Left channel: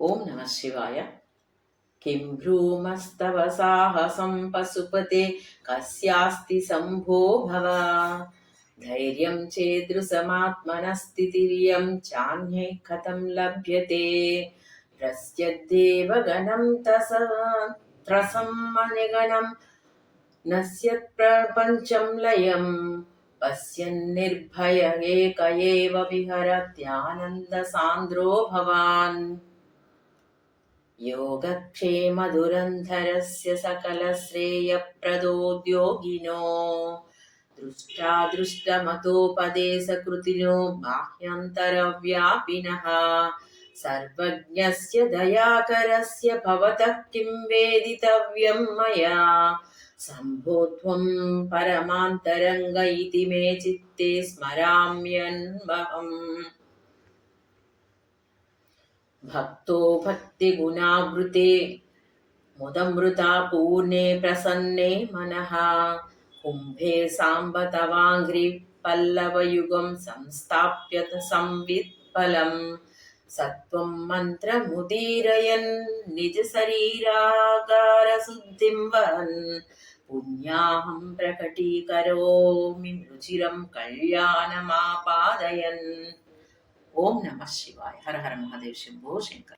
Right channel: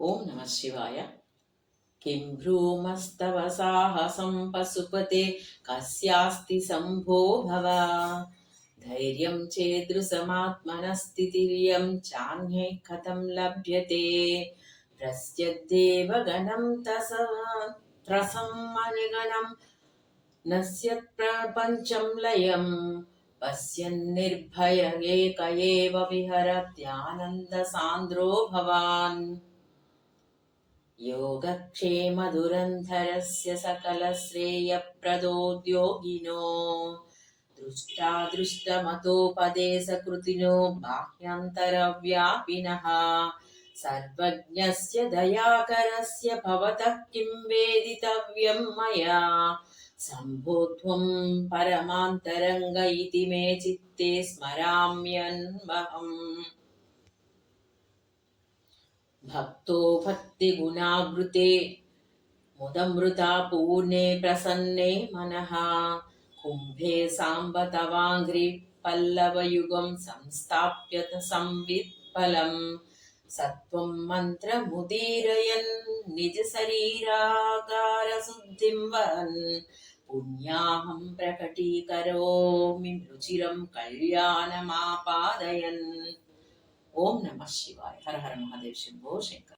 ఓం నమ శివాయ. కిం భ్రూమస్తవ సాహసం పశుపతే కస్యాస్తి సంభో భవ. ధైర్యం చేదృశమాత్మనస్థితిర్యం చాన్యై కథం లభ్యతే. ప్రస్యద్దేవగణం త్రసం మణిగణం నశ్యత్ ప్రపంచం లయం. పశ్యన్నిర్భయ ఏక ఏవ విహరత్యానంద సాంద్రో భవాన్. योगक्षेमधुरन्धरस्य सकलश्रेयप्रदोद्योगिनो दृष्टादृष्टमतोपदेशकृतिनो बाह्यान्तरव्यापिनः सर्वज्ञस्य दयाकरस्य भवतः किं वेदितव्यं मया. शम्भो त्वं परमान्तरङ्ग इति मे चित्ते स्मराम्यन्वहम्. भक्तो भक्तिगुणावृते मुदमृता पूर्णे प्रसन्ने मनः. कुम्भे साम्ब तवाङ्घ्रि पल्लवयुगं संस्थाप्य संवित्फलम्. सत्वं मन्त्रमुदीरयन् निजशरीरागारशुद्धिं वहन्. पुण्याहं प्रकटीकरोमि रुचिरं कल्याणमापादयन्. ఓం నమ శివాయ. హర హర మహాదేవ్. శంభో శంకర్.